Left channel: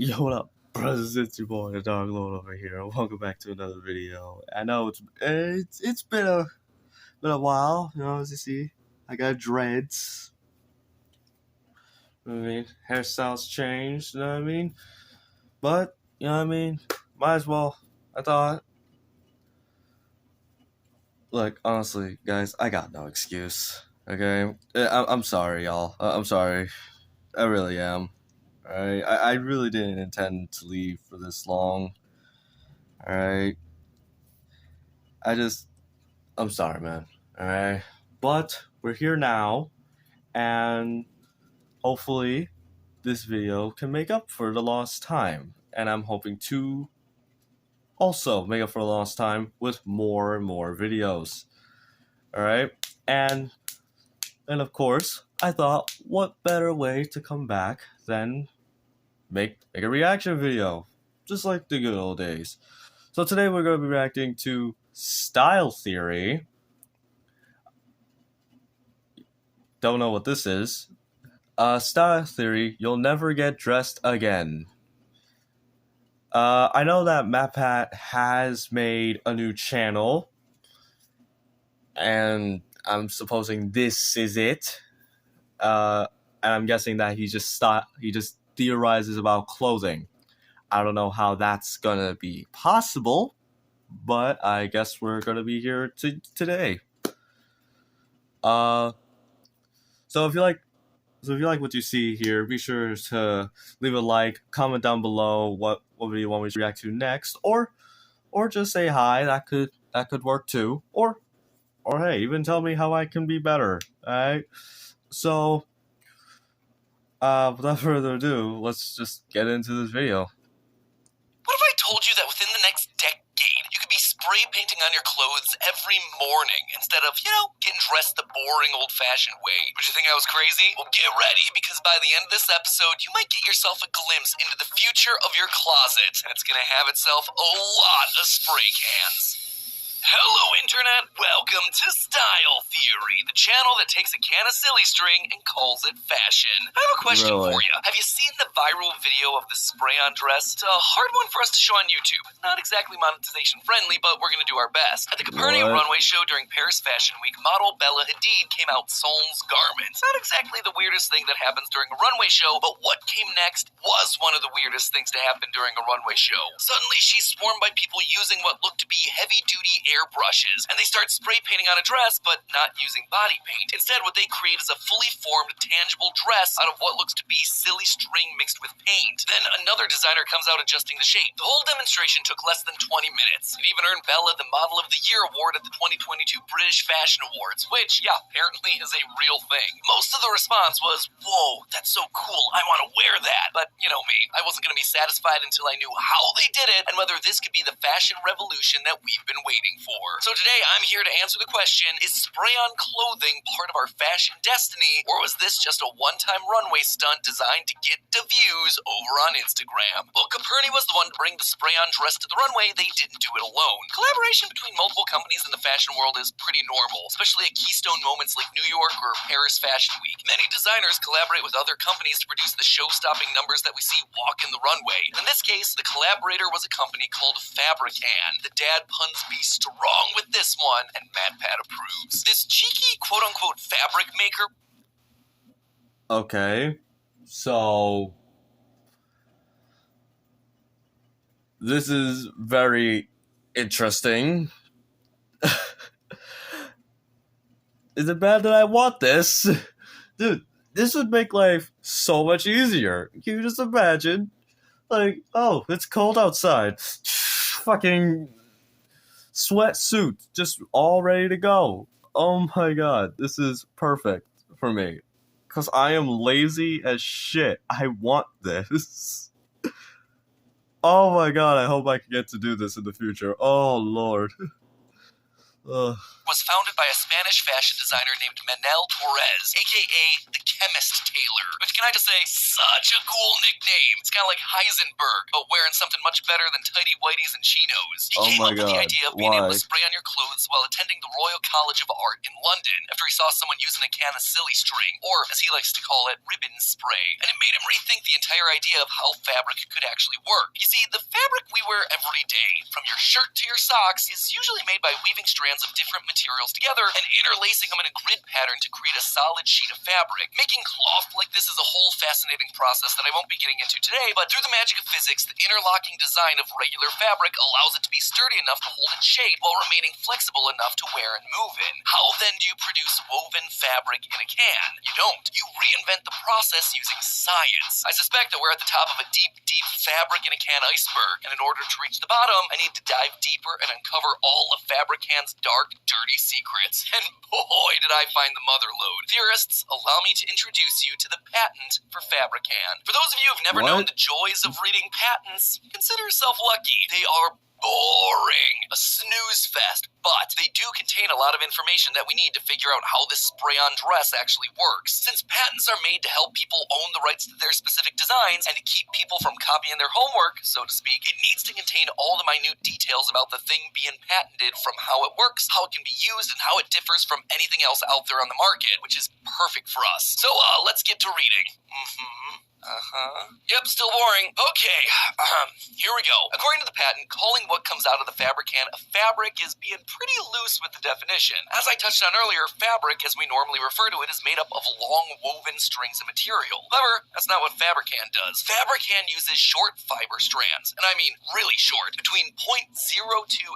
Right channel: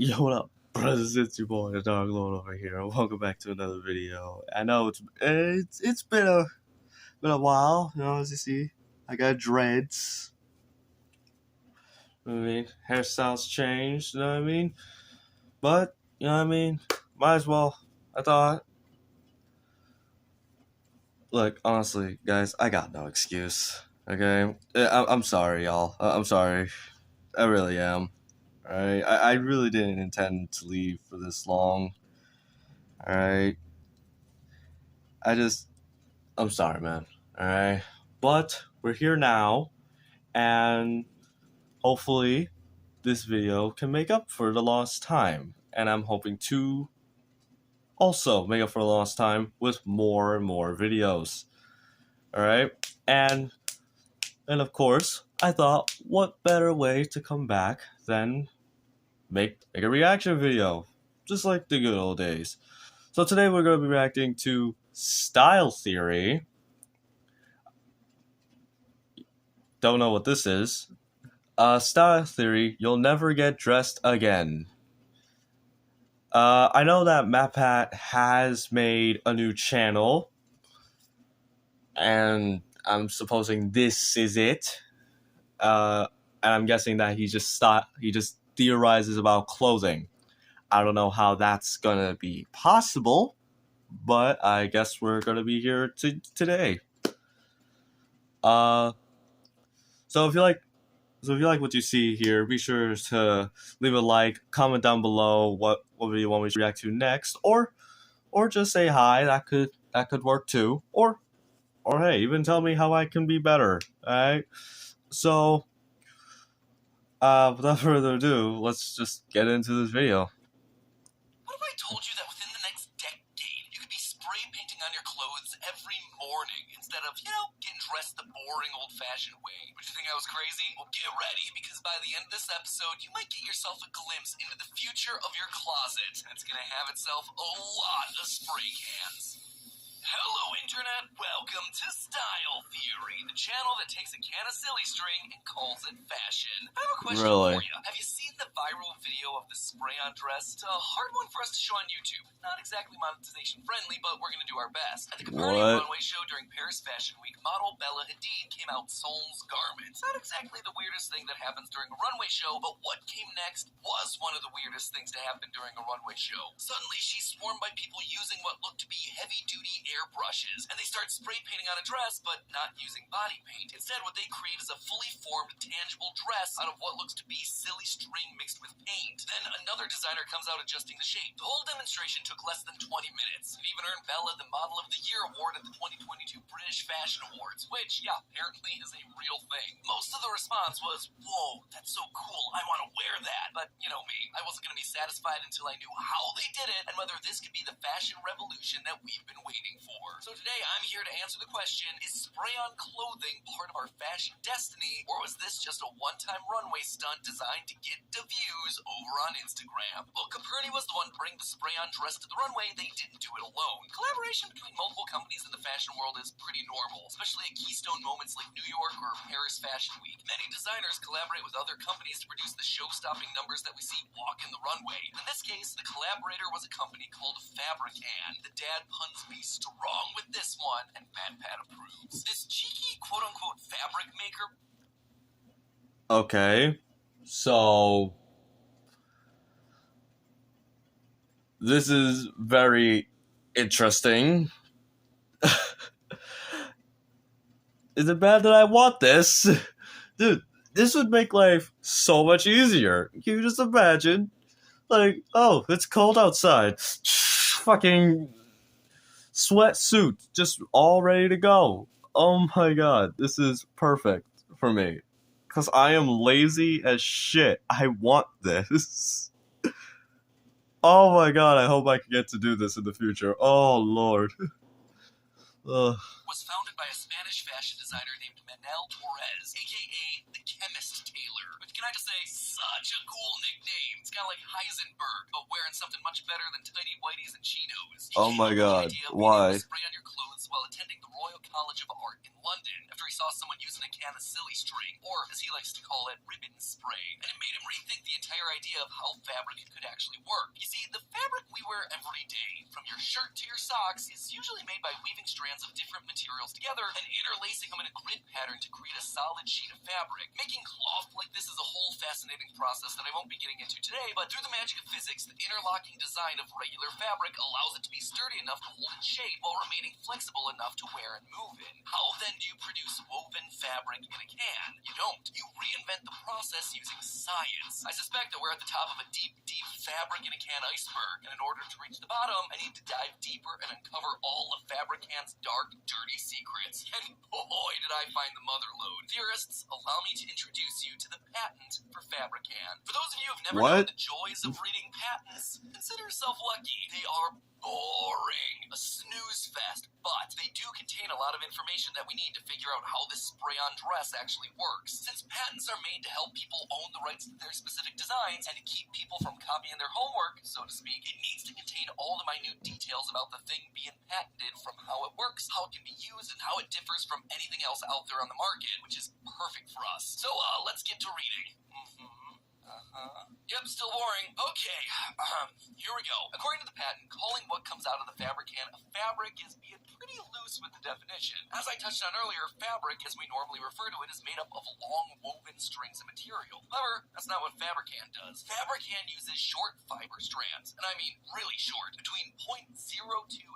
Yo, what up, brothers? It's your boy, the Dog Lord over here. Welcome back to another video. I know it's been a while. You know, as you see, I got dreads. You know what I mean, hairstyles changed. You know what I mean, but you know what I mean. Might as well. I thought. Look, honestly, guys, I got no excuse. Okay, I'm sorry, y'all. I'm sorry. I really am. Alright, I really didn't intend to leave for this long. Alright, I'm sorry, man. Alright, but we're here now, and hopefully this video can make up for the lost time. And I'm hoping to also make up for the lost time with more and more videos. Alright, and of course, I thought, what better way to come back than make a reaction video, just like the good old days. So today we're going to be reacting to Style Theory. Don't know what this is. Style Theory, You'll Never Get Dressed Again. I know that MatPat has made a new channel, and I'm supposing this is it. And I'm guessing that he just theorizes about clothing. I don't know how that's gonna be possible, but I guess we're gonna be here today. So if you like what you see here, be sure to leave a like, comment down below what video you want me to react to next, or just say hi. That could work too. Or hey, even tell me how I can be better. Alright? So without further ado, let's just get into this video. What if I told you that within the next decade, you could be spray painting on your clothes every morning instead of, getting dressed the boring old-fashioned way? Would you think I was crazy? Well, get ready, because by the end of this episode, you might get yourself a glimpse into the future of your closet, and it's gonna have itself a lot of spray cans. Hello, Internet! Welcome to Style Theory, the channel that takes a can of silly string and calls it fashion. I have a question for you. Have you seen the viral video of the spray-on dress? It's a hard one for us to show on YouTube. Not exactly monetization friendly, but we're gonna do our best. At the Copernicus runway show during Paris Fashion Week, model Bella Hadid came out Sol's garments. Not exactly the weirdest thing that happens during a runway show, but what came next was one of the weirdest things to happen during a runway show. Suddenly, she's swarmed by people using what looked to be heavy-duty airbrushes, and they start spray painting on a dress, but not using body paint. Instead, what they create is a fully formed, tangible dress out of what looks to be silly string mixed with paint. Then another designer comes out adjusting the shape. The whole demonstration took less than 20 minutes. It even earned Bella the Model of the Year award at the 2022 British Fashion Awards, which, yeah, apparently is a real thing. Most of the response was, "Whoa, that's so cool, I want to wear that." But, you know me, I wasn't going to be satisfied until I knew how they did it and whether this could be the fashion revolution that we've been waiting for. So today I'm here to answer the question, is spray-on clothing part of our fashion destiny, or was this just a one-time runway stunt designed to get the views over on Instagram? Well, Copernicus was the one to bring the spray-on dress to the runway. They didn't do it alone. Collaboration between multiple companies in the fashion world is pretty normal, especially at keystone moments like New York or Paris Fashion Week. Many designers collaborate with other companies to produce the show-stopping numbers that we see walking the runway. In this case, the collaborator was a company called Fabricant. The dad puns be strong with this one, and MatPat approves. This cheeky quote-unquote fabric maker... Okay, so this is very interesting. Is it bad that I want this? Dude, this would make life so much easier. Can you just imagine? Like, oh, it's cold outside. Fucking sweatsuit, just all ready to go. Oh my god, this is perfect for me. Because I am lazy as shit. I want this. Oh my god, I hope I can get to do this in the future. Oh lord. was founded by a Spanish fashion designer named Manel Torres, aka the Chemist Tailor. Which, can I just say, such a cool nickname. It's kind of like Heisenberg, but wearing something much better than tighty whities and chinos. He came up with the idea of being able to spray on your clothes while attending the Royal College of Art in London after he saw someone using a can of silly string, or as he likes to call it, ribbon spray. And it made him rethink the entire idea of how fabric could actually work. You see, the fabric we wear every day, from your shirt to your socks, is usually made by weaving strands of different materials together and interlacing them in a grid pattern to create a solid sheet of fabric. Making cloth like this is a whole fascinating process that I won't be getting into today, but through the magic of physics, the interlocking design of regular fabric allows it to be sturdy enough to hold its shape while remaining flexible enough to wear and move in. How then do you produce woven fabric in a can? You don't. You reinvent the process using science. I suspect that we're at the top of a deep, deep fabric in a can iceberg, and in order to reach the bottom, I need to dive deeper and uncover all of Fabrican's dark, dirty secrets. And boy, did I find the mother lode. Theorists, allow me to introduce you to the patent for Fabrican. For those of you who've never known the joys of reading patents, consider yourself lucky. They are boring. A snooze fest, but they do contain a lot of information that we need to figure out how this spray-on dress actually works. Since patents are made to help people own the rights to their specific designs and to keep people from copying their homework, so to speak, it needs to contain all the minute details about the thing being patented, from how it works, how it can be used, and how it differs from anything else out there on the market, which is perfect for us. So, let's get to reading. Yep, still boring. Okay, here we go. According to the patent, calling what comes out of the Fabrican a fabric is being pretty loose with the definition. As I touched on earlier, fabric, as we normally refer to it, is made up of long woven strings of material. However, that's not what Fabrican does. Fabrican uses short fiber strands, and I mean really short, between 0.02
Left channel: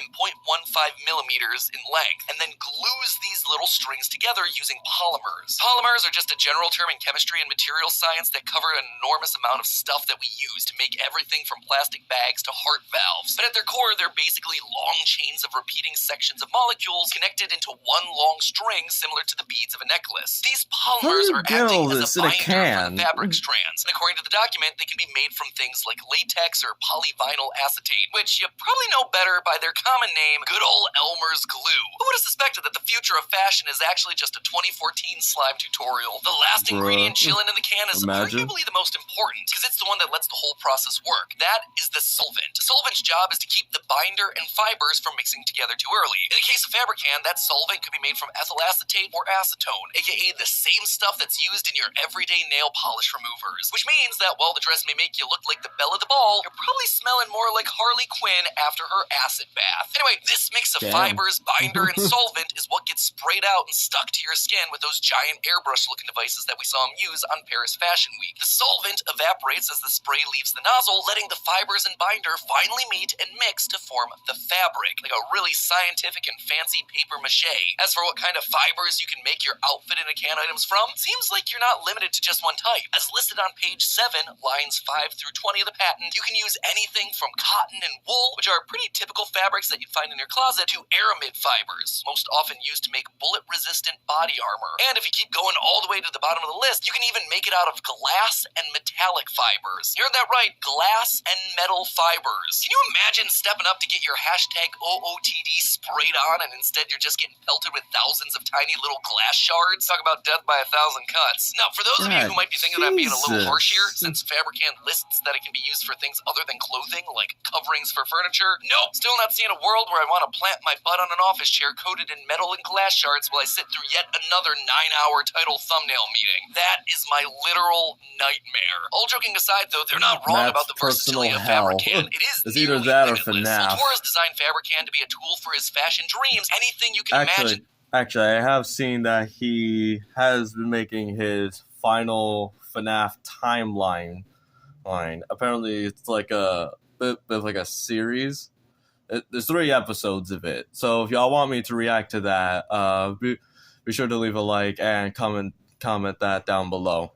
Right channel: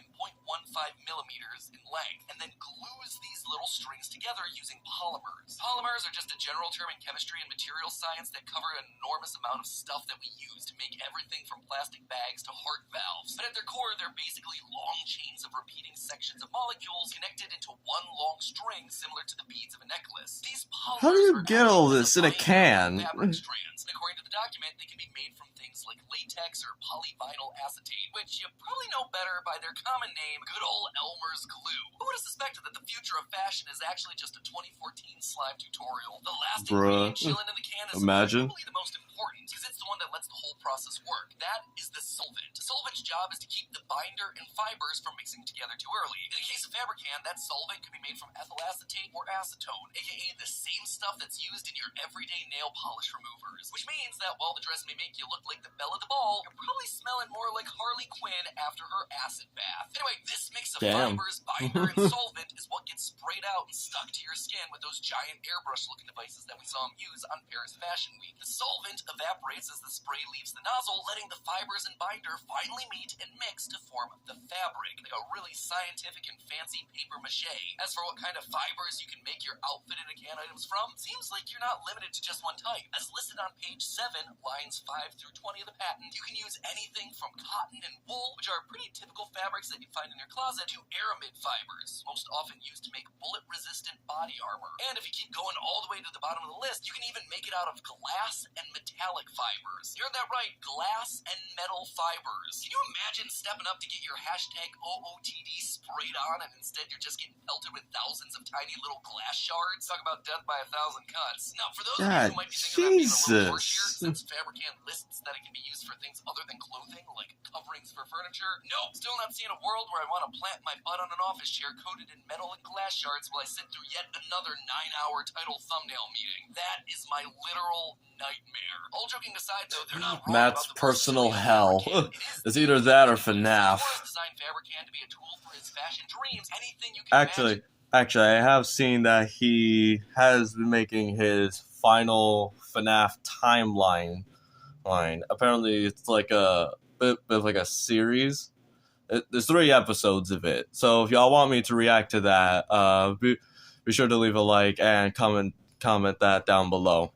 and 0.15 millimeters in length, and then glues these little strings together using polymers. Polymers are just a general term in chemistry and material science that cover an enormous amount of stuff that we use to make everything from plastic bags to heart valves. But at their core, they're basically long chains of repeating sections of molecules connected into one long string similar to the beads of a necklace. These polymers are acting as a binder for fabric strands. And according to the document, they can be made from things like latex or polyvinyl acetate, which you probably know better by their common name, good old Elmer's glue. Who would have suspected that the future of fashion is actually just a 2014 slime tutorial? The last ingredient chilling in the can is arguably the most important, because it's the one that lets the whole process work. That is the solvent. The solvent's job is to keep the binder and fibers from mixing together too early. In the case of Fabrican, that solvent could be made from ethyl acetate or acetone, aka the same stuff that's used in your everyday nail polish removers. Which means that while the dress may make you look like the belle of the ball, you're probably smelling more like Harley Quinn after her acid bath. Anyway, this mix of fibers, binder, and solvent is what gets sprayed out and stuck to your skin with those giant airbrush-looking devices that we saw him use on Paris Fashion Week. The solvent evaporates as the spray leaves the nozzle, letting the fibers and binder finally meet and mix to form the fabric, like a really scientific and fancy paper mache. As for what kind of fibers you can make your outfit and a can items from, seems like you're not limited to just one type. As listed on page 7, lines 5 through 20 of the patent, you can use anything from cotton and wool, which are pretty typical fabrics that you'd find in your closet, to aramid fibers, most often used to make bullet-resistant body armor. And if you keep going all the way to the bottom of the list, you can even make it out of glass and metallic fibers. You heard that right, glass and metal fibers. Can you imagine stepping up to get your hashtag OOTD sprayed on, and instead you're just getting pelted with thousands of tiny little glass shards? Talk about death by 1,000 cuts. Now, for those of you who might be thinking that I'm being a little harsh here, since Fabrican lists that it can be used for things other than clothing, like coverings for furniture, nope, still not seeing a world where I want to plant my butt on an office chair coated in metal and glass shards while I sit through yet another 9-hour title thumbnail meeting. That is my literal nightmare. All joking aside, though, they're not wrong about the personal versatility of hell. Fabrican. It is It's either that or limitless. FNAF. Torres designed Fabrican to be a tool for his fashion dreams. Anything you can imagine. Actually, I have seen that he has been making his final FNAF timeline. Apparently, it's like a bit of like a series. There's 3 episodes of it. So if y'all want me to react to that, be sure to leave a like and comment that down below.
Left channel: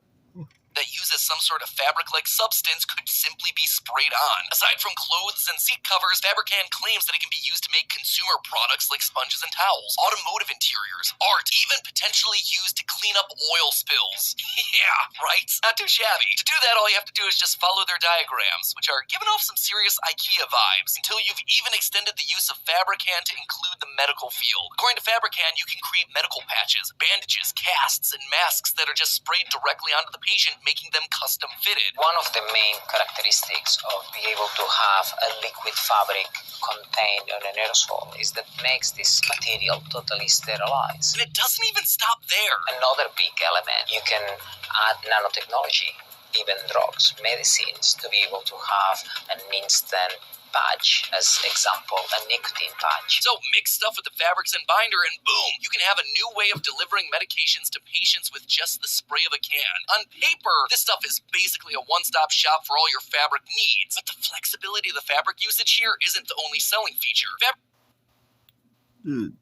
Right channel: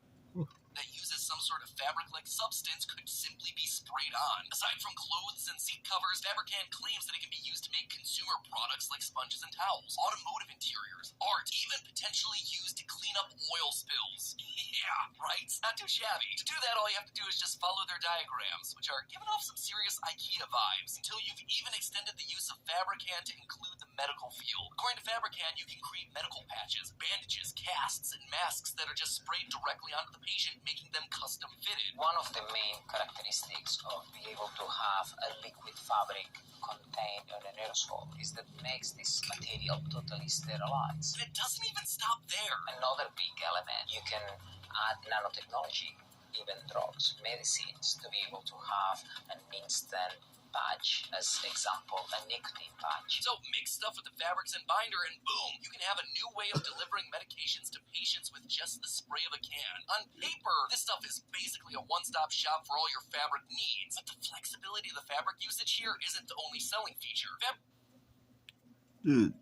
that uses some sort of fabric-like substance could simply be sprayed on. Aside from clothes and seat covers, Fabricant claims that it can be used to make consumer products like sponges and towels, automotive interiors, art, even potentially used to clean up oil spills. Yeah, right? Not too shabby. To do that, all you have to do is just follow their diagrams, which are giving off some serious IKEA vibes, until you've even extended the use of Fabricant to include the medical field. According to Fabricant, you can create medical patches, bandages, casts, and masks that are just sprayed directly onto the patient, making them custom fitted. One of the main characteristics of being able to have a liquid fabric contained on an aerosol is that makes this material totally sterilized. And it doesn't even stop there. Another big element, you can add nanotechnology, even drugs, medicines, to be able to have an instant patch, as example, a nicotine patch. So mix stuff with the fabrics and binder and boom, you can have a new way of delivering medications to patients with just the spray of a can. On paper, this stuff is basically a one-stop shop for all your fabric needs. But the flexibility of the fabric usage here isn't the only selling feature. Dude,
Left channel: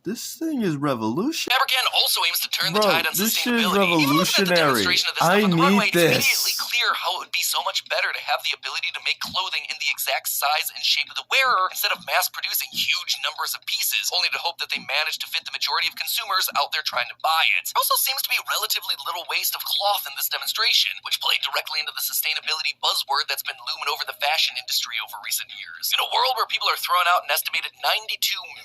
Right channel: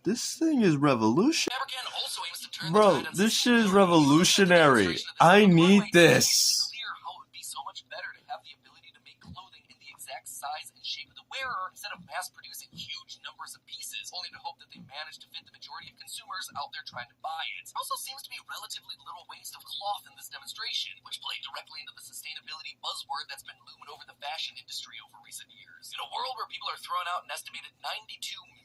this thing is revolutionary. Fabricant also aims to turn the tide on This shit is sustainability. revolutionary. I need this. It's immediately clear how it would be so much better to have the ability to make clothing in the exact size and shape of the wearer instead of mass-producing huge numbers of pieces, only to hope that they manage to fit the majority of consumers out there trying to buy it. There also seems to be relatively little waste of cloth in this demonstration, which played directly into the sustainability buzzword that's been looming over the fashion industry over recent years. In a world where people are throwing out an estimated 92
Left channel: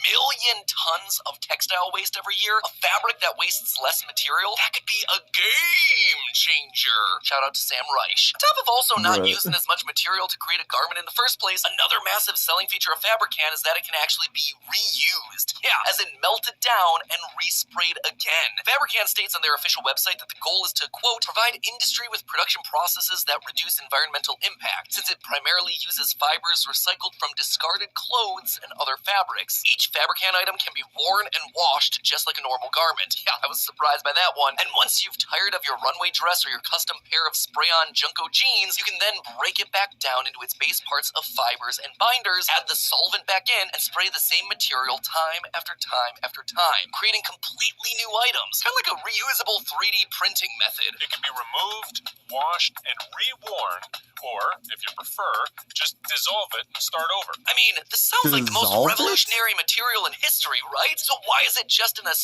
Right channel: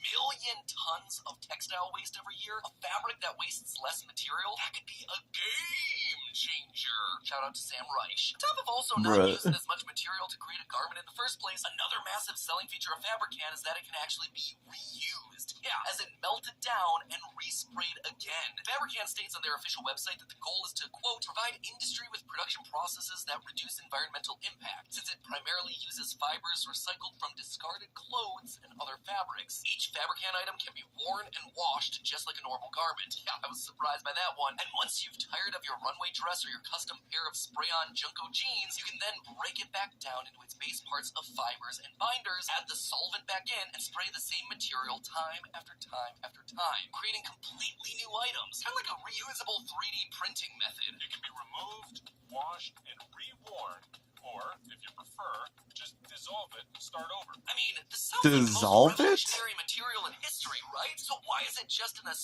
million tons of textile waste every year, a fabric that wastes less material, that could be a game changer. Shout out to Sam Reich. On top of also not using as much material to create a garment in the first place, another massive selling feature of Fabricant is that it can actually be reused. Yeah, as in melted down and resprayed again. Fabricant states on their official website that the goal is to, quote, provide industry with production processes that reduce environmental impact, since it primarily uses fibers recycled from discarded clothes and other fabrics. Each Fabricant item can be worn and washed just like a normal garment. Yeah, I was surprised by that one. And once you've tired of your runway dress or your custom pair of spray-on Junko jeans, you can then break it back down into its base parts of fibers and binders, add the solvent back in, and spray the same material time after time after time, creating completely new items. Kind of like a reusable 3D printing method. It can be removed, washed, and reworn, or, if you prefer, just dissolve it and start over. I mean, this sounds like the most Dissolve it? revolutionary material in history, right? So why is it just in a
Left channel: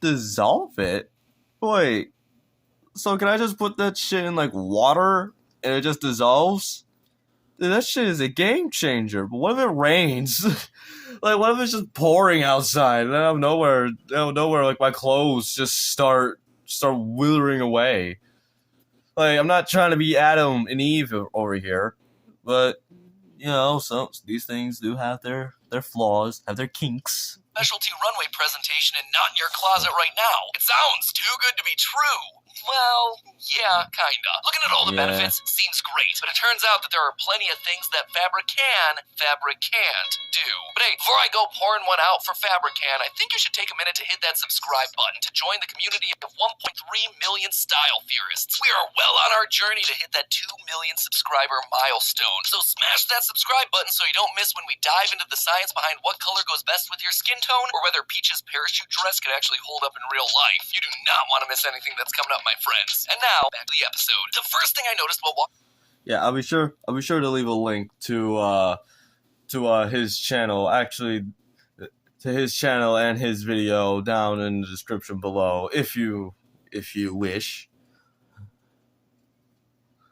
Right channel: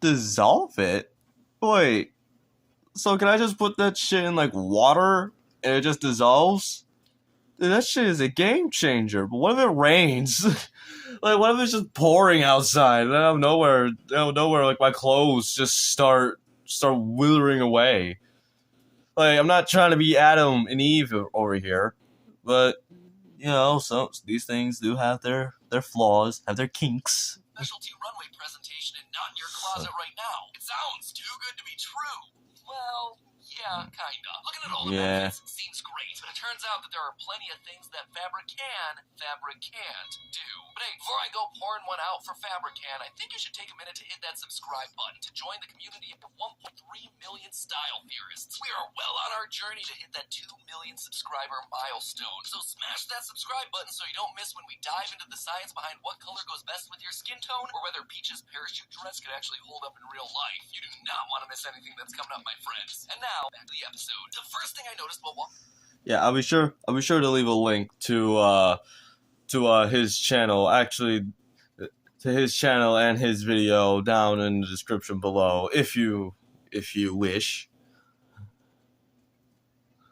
Dissolve it? Wait. So can I just put that shit in like water and it just dissolves? Dude, that shit is a game changer. But what if it rains? Like, what if it's just pouring outside and out of nowhere, like my clothes just start withering away? Like, I'm not trying to be Adam and Eve over here, but you know, so these things do have their flaws, have their kinks. specialty runway presentation and not in your closet right now. It sounds too good to be true. Well, yeah, kinda. Looking at all the benefits seems great, but it turns out that there are plenty of things that Fabricant do. But hey, before I go pouring one out for Fabricant, I think you should take a minute to hit that subscribe button to join the community of 1.3 million style theorists. We are well on our journey to hit that 2 million subscriber milestone. So smash that subscribe button so you don't miss when we dive into the science behind what color goes best with your skin tone, or whether Peach's parachute dress could actually hold up in real life. You do not want to miss anything that's coming up, my friends. And now, back to the episode. The first thing I noticed while walking... Yeah, I'll be sure to leave a link to his channel, actually, to his channel and his video down in the description below, if you wish.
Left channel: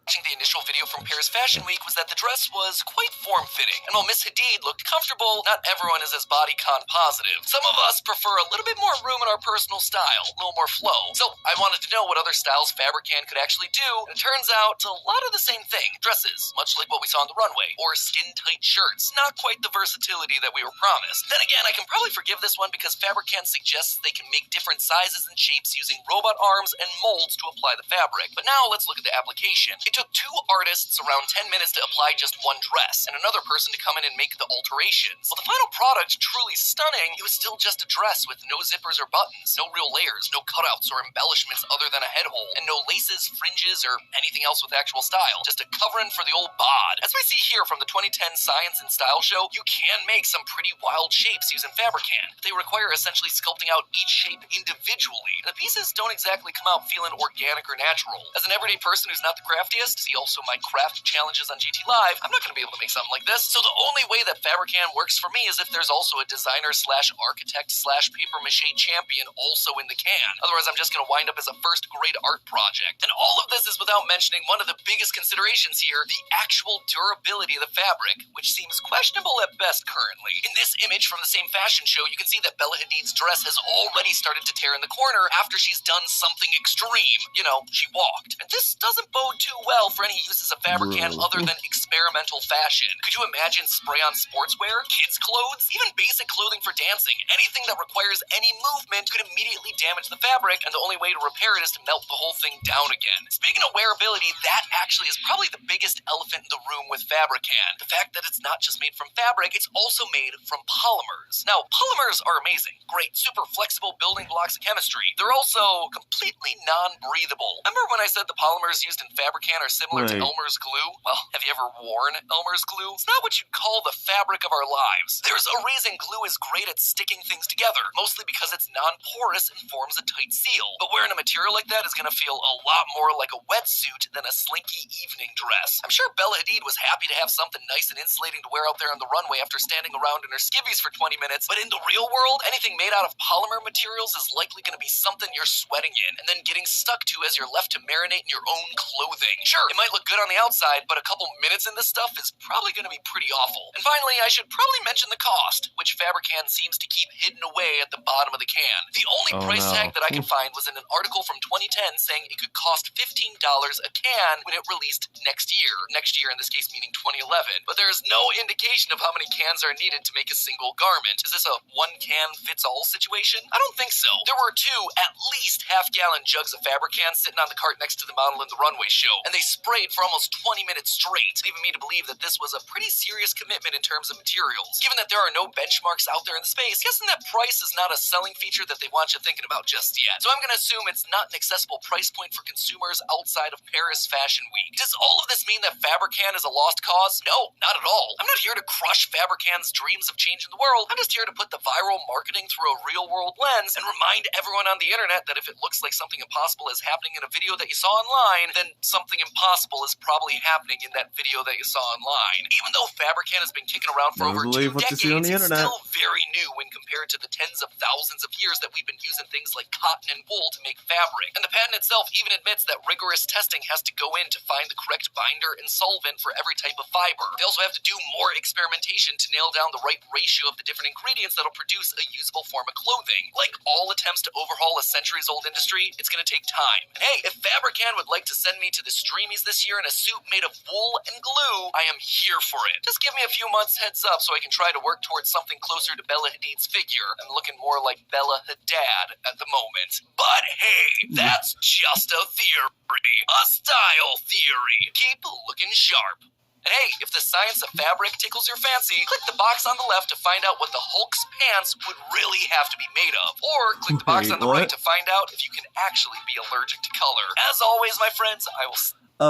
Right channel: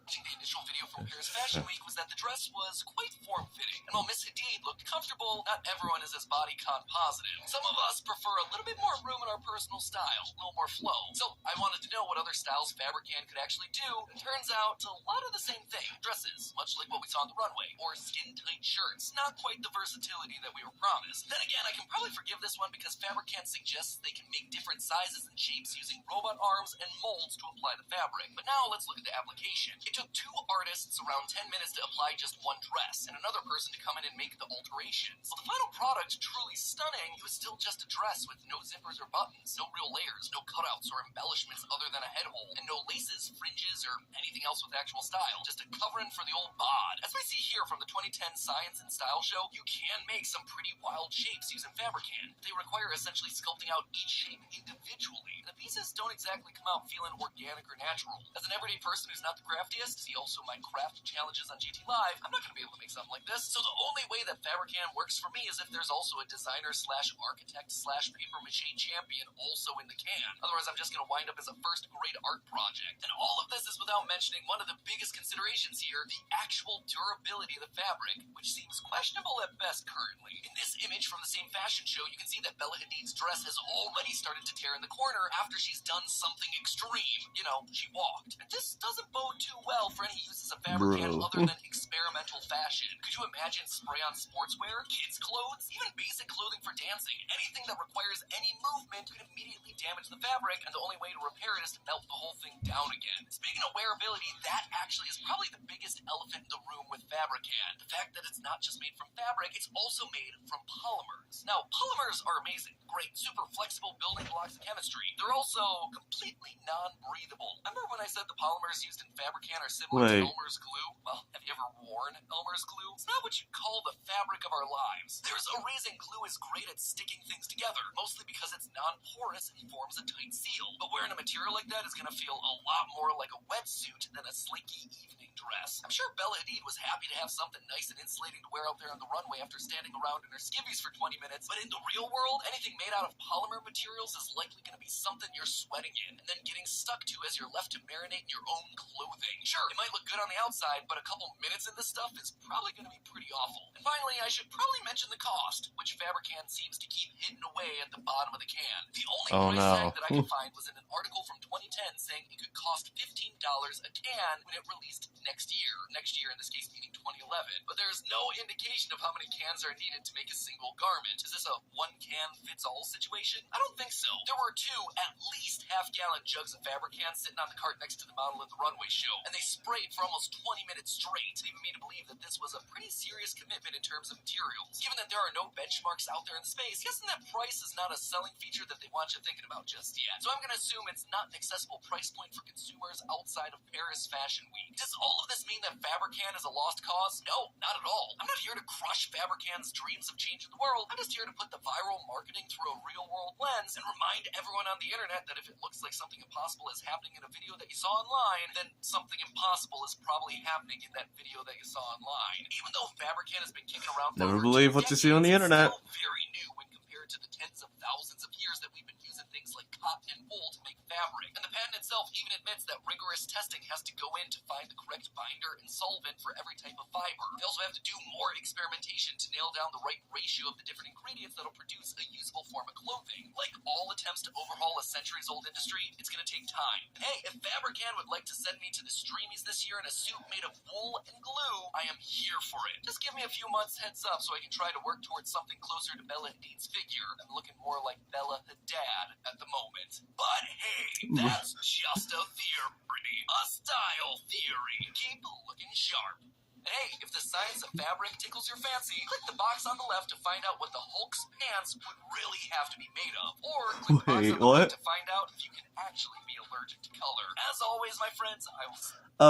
Watching the initial video from Paris Fashion Week was that the dress was quite form-fitting, and while Miss Hadid looked comfortable, not everyone is as bodycon positive. Some of us prefer a little bit more room in our personal style, a little more flow. So I wanted to know what other styles Fabricant could actually do, and it turns out it's a lot of the same thing. Dresses, much like what we saw on the runway, or skin-tight shirts. Not quite the versatility that we were promised. Then again, I can probably forgive this one because Fabricant suggests they can make different sizes and shapes using robot arms and molds to apply the fabric. But now let's look at the application. It took 2 artists around 10 minutes to apply just one dress, and another person to come in and make the alterations. While the final product truly stunning, it was still just a dress with no zippers or buttons, no real layers, no cutouts or embellishments other than a head hole, and no laces, fringes, or anything else with actual style. Just a covering for the old bod. As we see here from the 2010 Science and Style Show, you can make some pretty wild shapes using Fabricant. They require essentially sculpting out each shape individually. The pieces don't exactly come out feeling organic or natural. As an everyday person who's not the craftiest, see also my craft challenges on GT Live, I'm not going to be able to make something like this. So the only way that Fabricant works for me is if there's also a designer slash architect slash paper mache champion also in the can. Otherwise, I'm just going to wind up as a first grade art project. And all of this is without mentioning one of the biggest considerations here, the actual durability of the fabric, which seems questionable at best currently. In this image from the same fashion show, you can see that Bella Hadid's dress has already started to tear in the corner after she's done something extreme. You know, she walked. And this doesn't bode too well for any uses of Fabricant other than experimental fashion. Could you imagine spray-on sportswear, kids' clothes, even basic clothing for dancing? Anything that requires any movement could immediately damage the fabric, and the only way to repair it is to melt the whole thing down again. Speaking of wearability, that actually is probably the biggest elephant in the room with Fabricant. The fact that it's not just made from fabric, it's also made from polymers. Now, polymers are amazing. Great, super flexible building blocks of chemistry. They're also completely non-breathable. Remember when I said the polymers used in Fabricant are similar to Elmer's glue? Well, have you ever worn Elmer's glue? It's not what you'd call the fabric of our lives. There's a reason glue is great at sticking things together, mostly because it's non-porous and forms a tight seal. But wearing a material like that is going to feel a lot more like a wetsuit than a slinky evening dress. I'm sure Bella Hadid was happy to have something nice and insulating to wear out there on the runway after standing around in her skivvies for 20 minutes, but in the real world, anything made out of polymer materials is likely going to be something you're sweating in and then getting stuck to as you're left to marinate in your own clothing. Sure, it might look good on the outside, but a couple minutes in this stuff is probably going to be pretty awful. And finally, I should probably mention the cost, which Fabricant seems to keep hidden away at the bottom of the can. The only price tag that I could find was in an article from 2010 saying it could cost $15 a can when it released next year. Next year, in this case, meaning 2011. But there's no indication of how many cans are needed to make a single garment. Is this a one-can-fits-all situation? I don't think so. There were two at least half-gallon jugs of Fabricant sitting on the cart next to the model in the runway show, and they sprayed for almost 20 minutes straight, leaving me to believe that this was a pretty serious commitment in terms of materials. Given that there are no benchmarks out there in the space, guessing that price is not a selling feature that they want you thinking about just yet. So I'm going to assume it's not an accessible price point for consumers outside of Paris Fashion Week. Does all of this mean that Fabricant is a lost cause? No, not at all. I'm not here to crush Fabricant's dreams of changing the world. I'm just here to put the viral marketing through a real-world lens and remind everyone on the internet that if it looks like something impossible is happening in a video that you saw online, then something impossible is probably happening in that video that you saw online. Even though Fabricant has been kicking around for over 2 decades, it's still very new when compared to the tens of thousands of years that we've been using things like cotton and wool to make fabric. And the patent itself even admits that rigorous testing has to go in to find the correct binder and solvent for every type of fiber. They also have to do more experimentation to nail down the right ratio of the different ingredients that'll produce a usable form of clothing. Like all attempts to overhaul a centuries-old industry, it's gonna take time. And hey, if Fabricant would like to send me to the Streamies this year in a suit made of wool and glue, I am here for it. Just give me a few months heads up so I can try to work towards something closer to Bella Hadid's figure. I'm looking more like Bella Hadad at the moment. But hey, that's just a theory. A style theory. Keep looking sharp. And hey, if the science of fabric tickles your fancy, click the box on the left to find out what the Hulk's pants would really have to be made of. Or click the box on the right to find out if you can actually be allergic to color. As always, my friends, I will...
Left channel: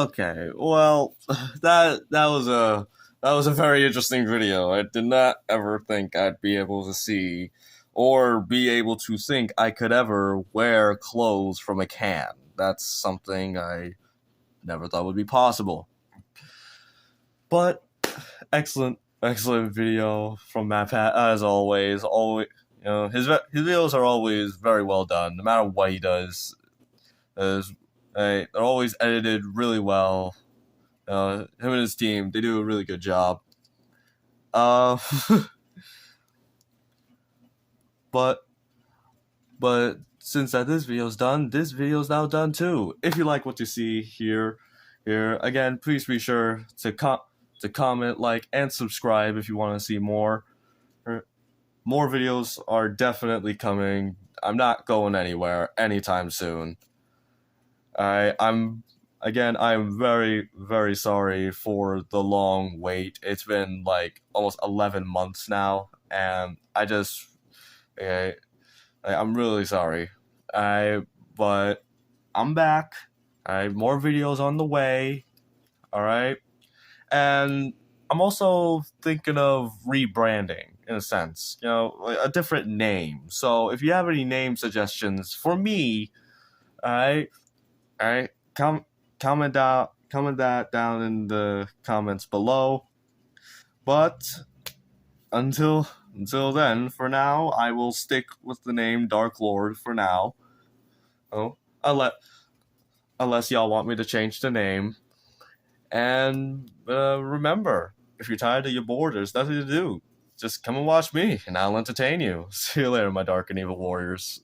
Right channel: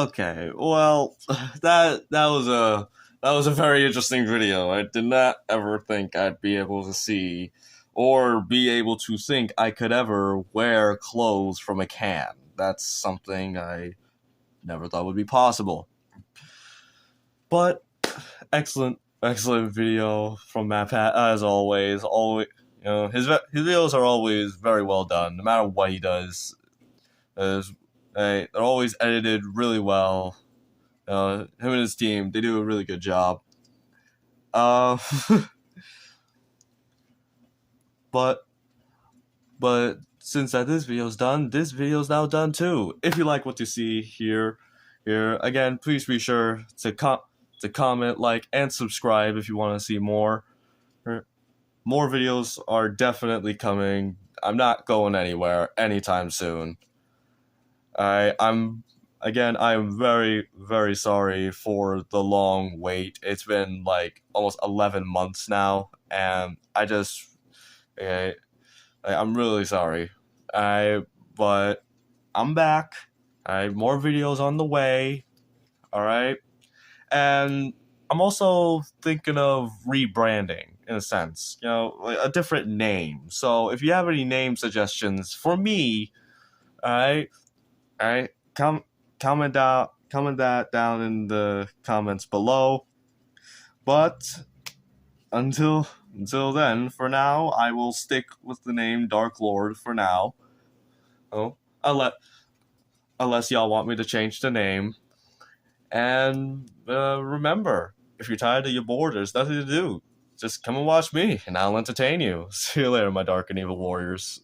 Okay, well, that was a very interesting video. I did not ever think I'd be able to see or be able to think I could ever wear clothes from a can. That's something I never thought would be possible. But excellent video from MatPat as always. Always, you know, his videos are always very well done, no matter what he does. They're always edited really well. Him and his team, they do a really good job. But since this video's done, this video's now done too. If you like what you see here again, please be sure to comment, like, and subscribe if you want to see more. More videos are definitely coming. I'm not going anywhere anytime soon. I'm again, I'm very, very sorry for the long wait. It's been like almost 11 months now, and I'm really sorry. But I'm back. I have more videos on the way. All right, and I'm also thinking of rebranding in a sense. Like a different name. So if you have any name suggestions for me, all right, comment that down in the comments below. But until then, for now, I will stick with the name Dark Lord for now. Oh, unless y'all want me to change the name. And remember, if you're tired or you're bored, there's nothing to do. Just come and watch me, and I'll entertain you. See you later, my dark and evil warriors.